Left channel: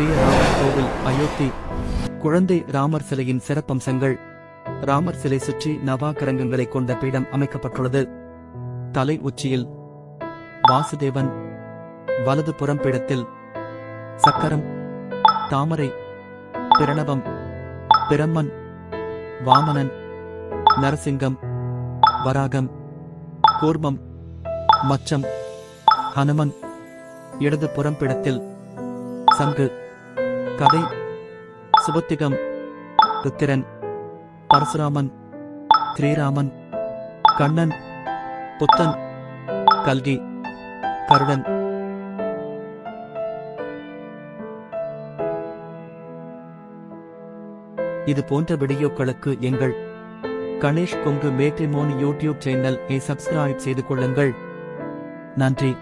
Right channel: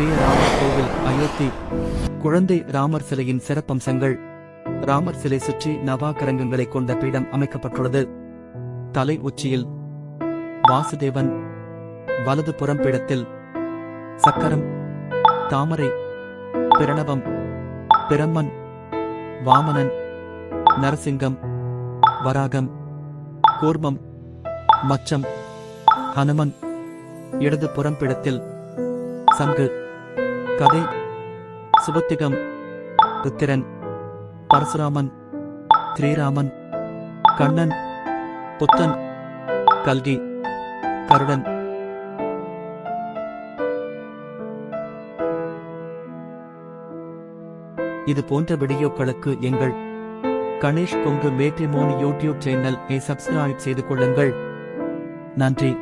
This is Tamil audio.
ஸ்ரீராமர் கோவில் அயோத்தி. குழந்தை ராமர் சிலையின் சிறப்பம்சங்கள். ராமர் சிலை சுற்றி நவாகரங்கங்களை கொண்ட பீடம் அமைக்கப்பட்டுள்ளது. தலை உச்சியில் வாசுதேவன் வலது புறம் பீடத்தில் சக்கரம் தாமரை பிரணவம் பிரம்மன் வாமனன் நரசிங்கம் வராகம் கூர்மம் மச்சம் ஹனுமன். இடது புறம்பிடத்தில் சங்கு. கதை. சுபத்திகம் ருத்திரன் பரசுராமன் ஸ்ரீராமன் கண்ணன் புத்தன் கல்கி கருடன். இது போன்ற வீடியோக்களுக்கு எங்கள் Ganesh Kongu matrimony YouTube channel subscribe செய்து கொள்ளுங்கள். நன்றி.